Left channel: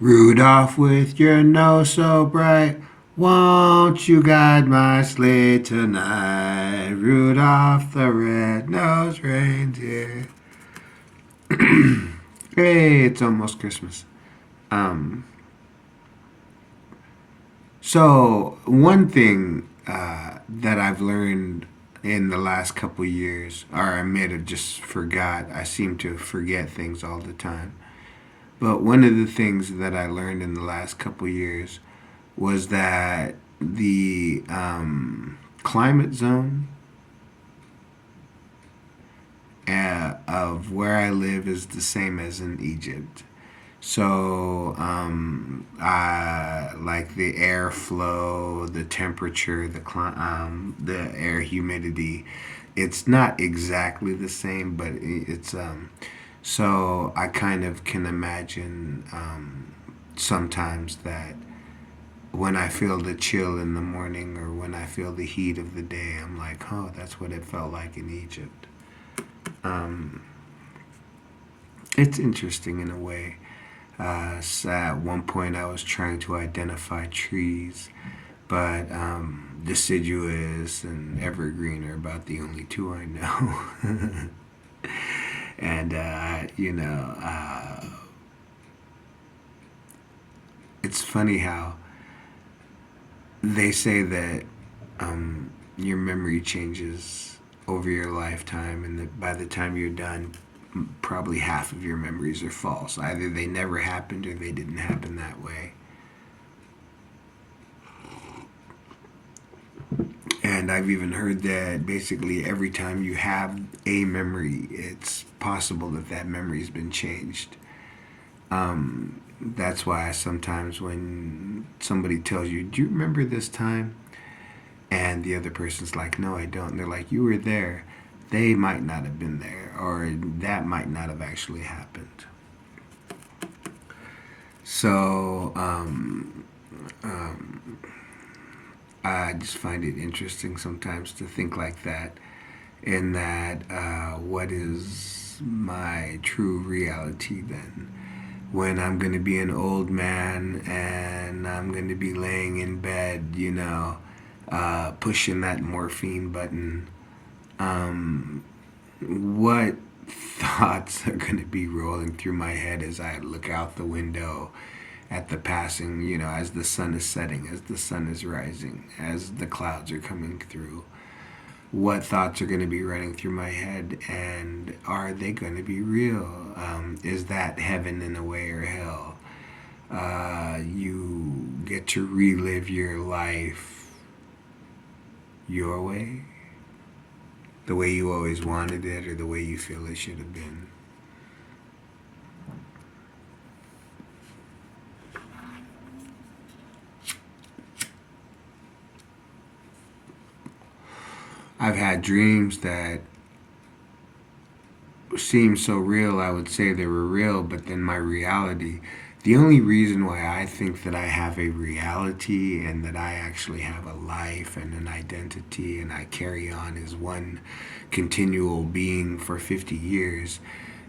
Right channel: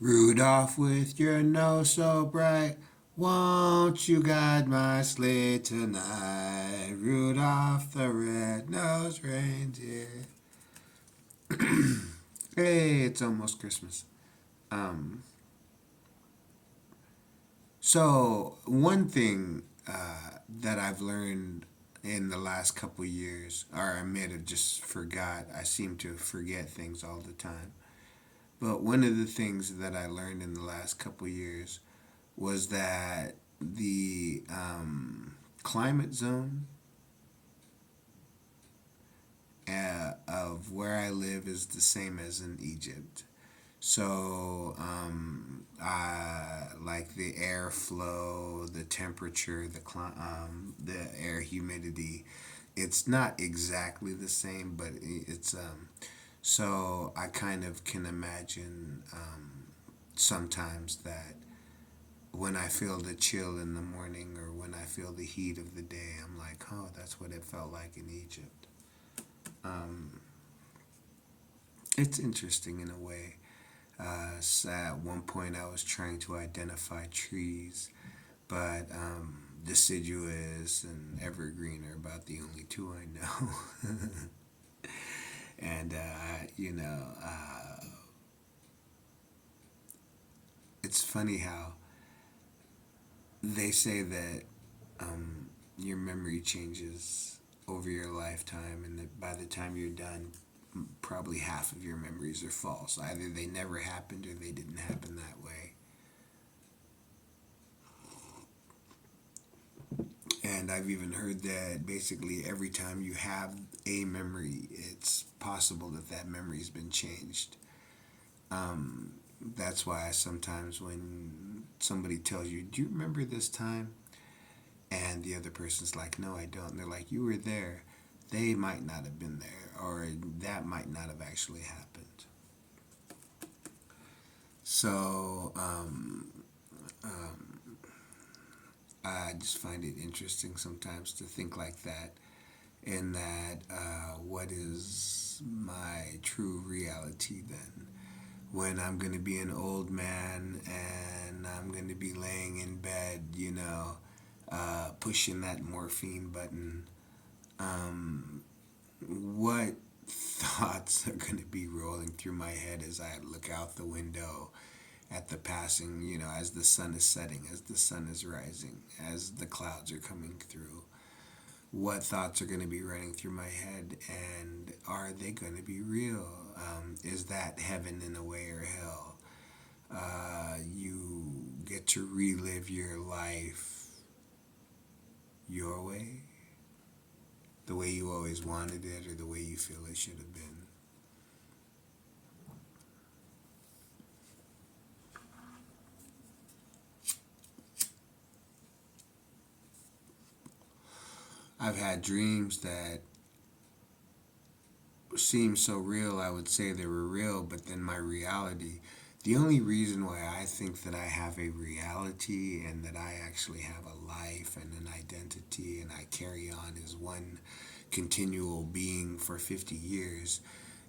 Rudolph, with your nose so bright, won't you guide my sleigh tonight? Rudolph the red-nosed reindeer. Hey, it's almost Christmas. Um, so one thing that I've learned in the last couple years, or I may have just forgot. I seem to forget things all the time. But one of the things that I learned in the last couple years was that the climate zone of where I live is the same as in Egypt. So, I like the airflow, the temperature, the air humidity. It's not exactly the same, but it's so I kind of can imagine sometimes that when I feel the chill in the morning or when I feel the heat of the day, I'm like, oh, that's what it felt like in Egypt. Um, it's interesting in a way. So at one point, I was trying to identify trees, but deciduous and evergreen are about the only two I know. And, it's funny how they say that your memory changes over your lifetime, and that by the time you're done, probably half of your memories are false. Either they never happened or they didn't happen that way. And I've even heard that basically every time you have a memory, it's possible that that memory's been changed. That's why sometimes when somebody tells you, "Do you remember this time?" and the other person's like, "No, I don't," and they're like, "You were there." They might not have been there, or that might not have actually happened. So, I just find it interesting sometimes to think like that. In that, what is my true reality then? When I'm going to be an old man and I'm going to be laying in bed, pushing that morphine button, what thoughts are going to be rolling through my head as I look out the window at the passing, as the sun is setting, as the sun is rising, as the clouds are coming through? What thoughts are going to be running through my head, and are they going to be real? Is that heaven in a way or hell? You get to relive your life your way, the way you always wanted it, or the way you feel it should have been. I've had dreams that seemed so real, I would say they were real, but then my reality, the only reason why I think that I have a reality and that I actually have a life and an identity and I carry on as one continual being for 50 years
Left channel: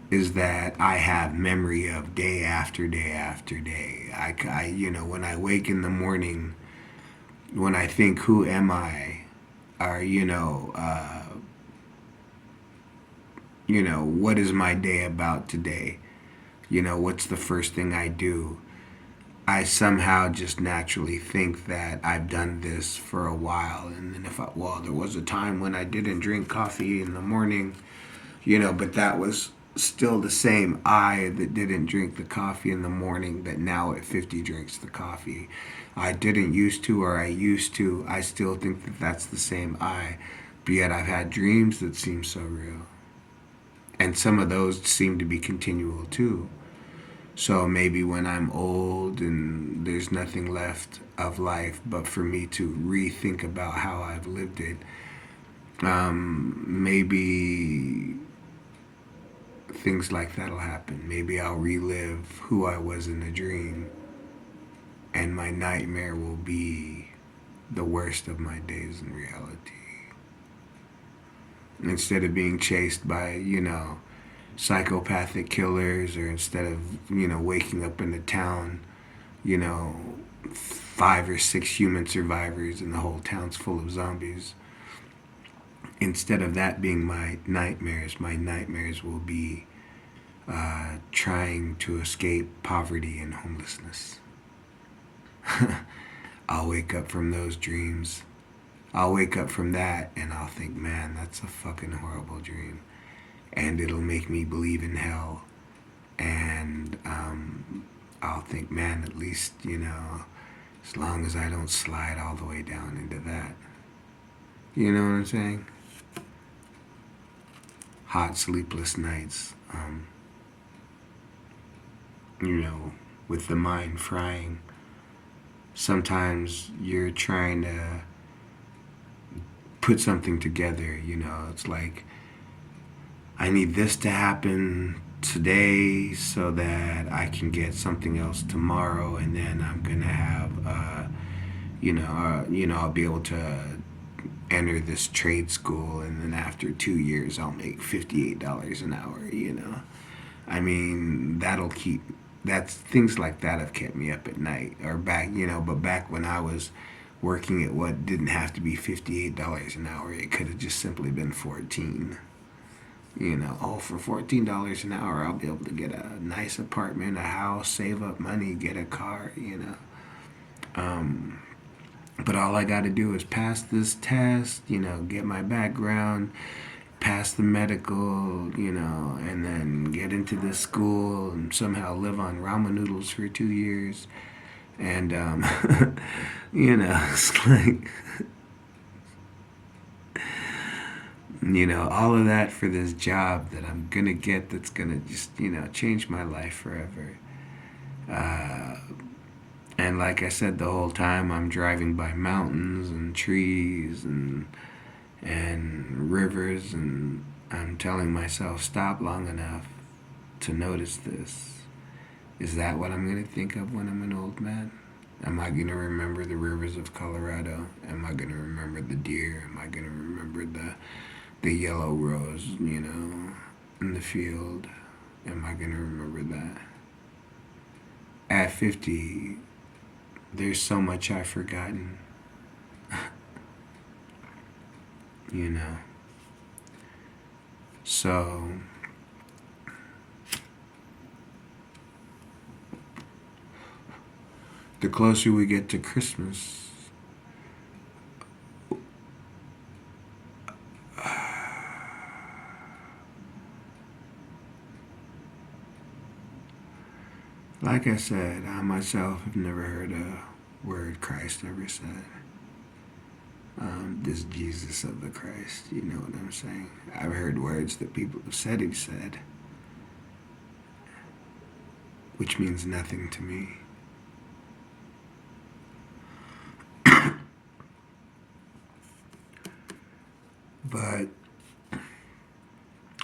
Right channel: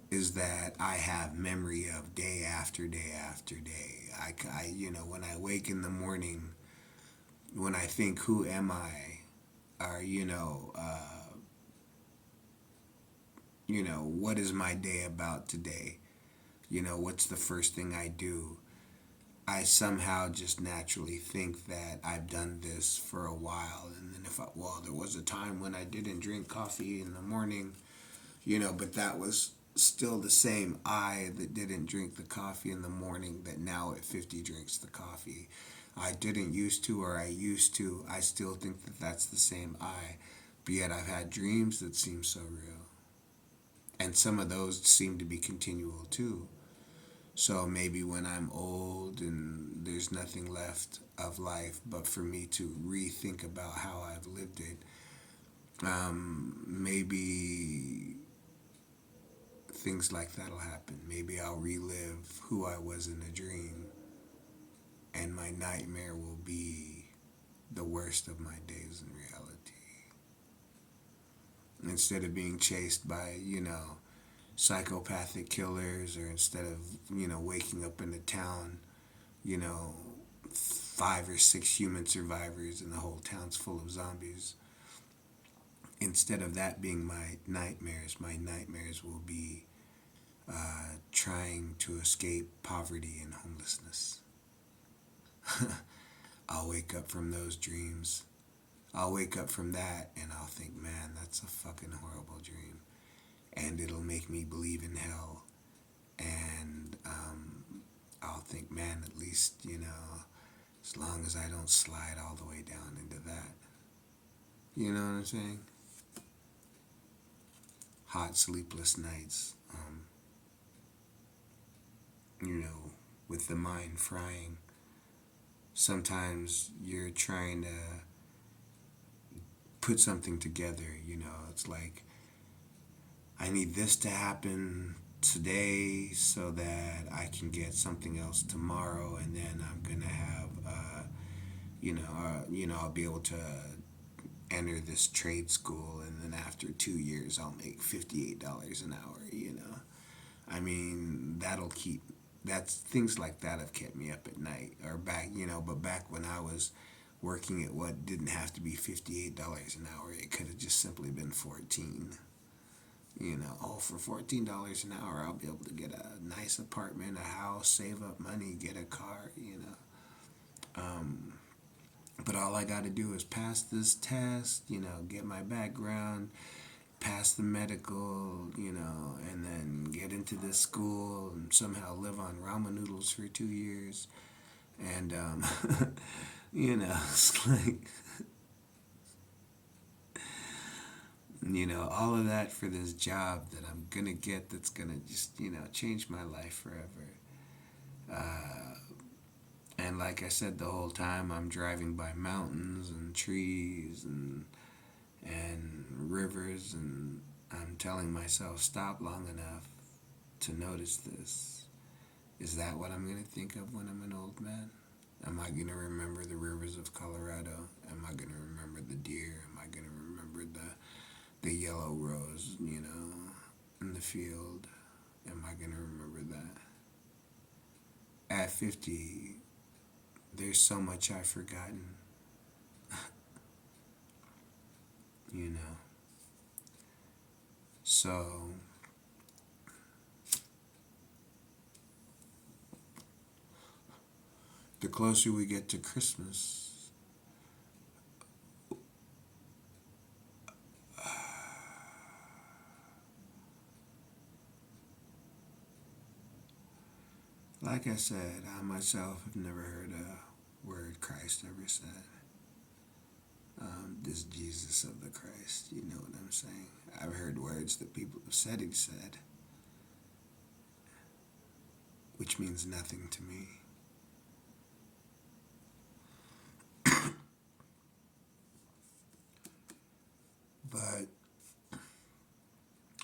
is that I have memory of day after day after day. When I wake in the morning, when I think, who am I? Or, what is my day about today? What's the first thing I do? I somehow just naturally think that I've done this for a while. And then there was a time when I didn't drink coffee in the morning, but that was still the same I that didn't drink the coffee in the morning that now at 50 drinks the coffee. I didn't used to, or I used to. I still think that that's the same I. But yet I've had dreams that seem so real. And some of those seem to be continual too. So maybe when I'm old and there's nothing left of life but for me to rethink about how I've lived it, maybe things like that'll happen. Maybe I'll relive who I was in a dream, and my nightmare will be the worst of my days in reality. Instead of being chased by, psychopathic killers, or instead of, waking up in a town you know, 5 or 6 human survivors and the whole town's full of zombies. Instead of that being my nightmares will be trying to escape poverty and homelessness. I'll wake up from those dreams. I'll wake up from that and I'll think, man, that's a fucking horrible dream. And it'll make me believe in hell. And I'll think, man, at least, as long as I don't slide all the way down into that. You know what I'm saying? Hot, sleepless nights. With the mind frying. Sometimes you're trying to put something together, it's like, I need this to happen today so that I can get something else tomorrow, and then I'm gonna have, I'll be able to enter this trade school, and then after 2 years, I'll make $58 an hour. I mean, that's things like that have kept me up at night, or but back when I was working at what didn't have to be $58 an hour, it could have just simply been 14. For $14 an hour, I'll be able to get a nice apartment, a house, save up money, get a car. But all I got to do is pass this test, get my background, pass the medical, and then get into this school and somehow live on ramen noodles for 2 years. And, it's like, all of that for this job that I'm going to get that's going to just, change my life forever. And like I said, the whole time I'm driving by mountains and trees and rivers, and I'm telling myself, stop long enough to notice this. Is that what I'm going to think of when I'm an old man? Am I going to remember the rivers of Colorado? Am I going to remember the deer? Am I going to remember the yellow rose, in the field? Am I going to remember that? At 50, there's so much I've forgotten. So, the closer we get to Christmas, like I said, I myself have never heard a word Christ ever said. This Jesus of the Christ, you know what I'm saying? I've heard words that people have said he said, which means nothing to me. But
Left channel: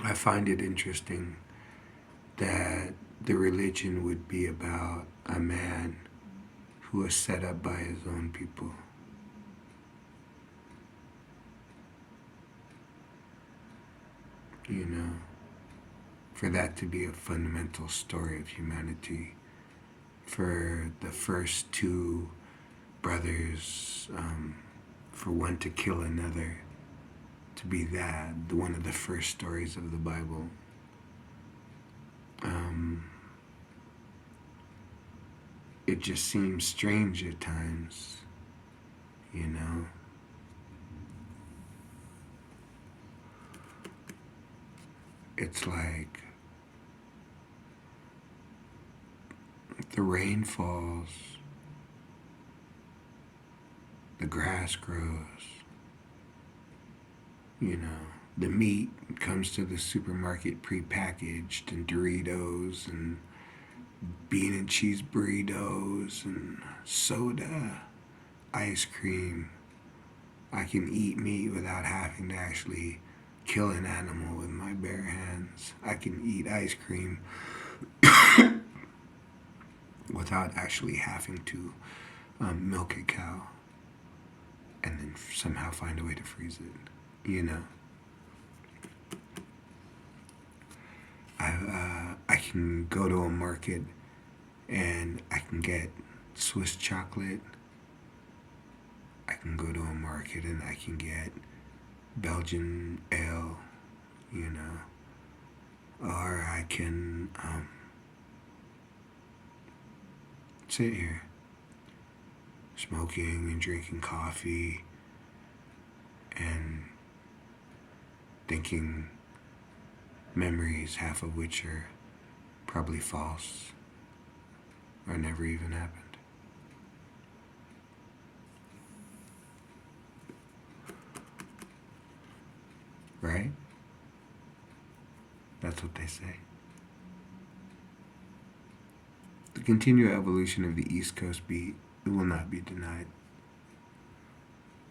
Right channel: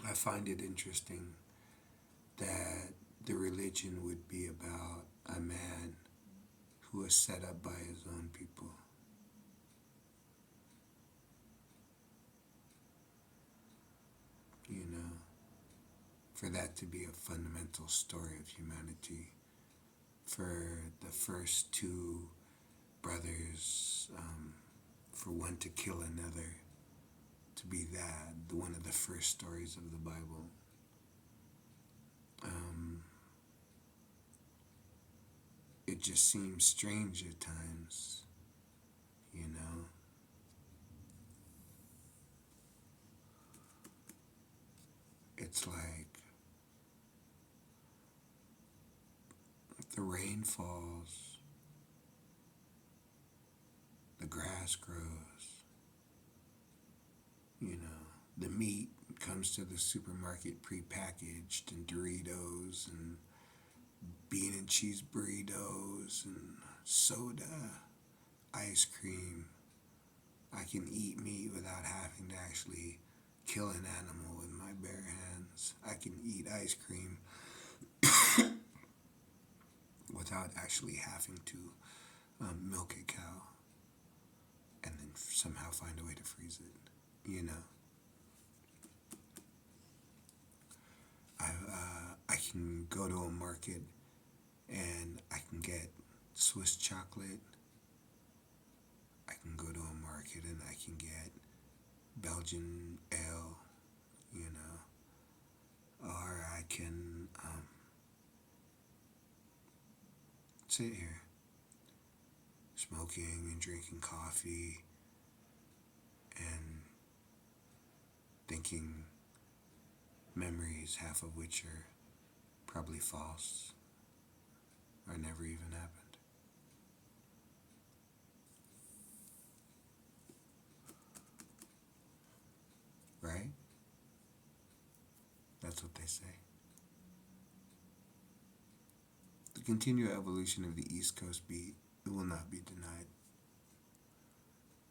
I find it interesting that the religion would be about a man who was set up by his own people. For that to be a fundamental story of humanity. For the first two brothers, for one to kill another, to be that, one of the first stories of the Bible. It just seems strange at times, It's like the rain falls, the grass grows, the meat comes to the supermarket prepackaged, and Doritos and bean and cheese burritos and soda, ice cream. I can eat meat without having to actually kill an animal with my bare hands. I can eat ice cream without actually having to milk a cow and then somehow find a way to freeze it. I can go to a market and I can get Swiss chocolate. I can go to a market and I can get Belgian ale, you know, or I can sit here smoking and drinking coffee and thinking memories, half of which are probably false or never even happened. Right? That's what they say. The continued evolution of the East Coast beat, it will not be denied.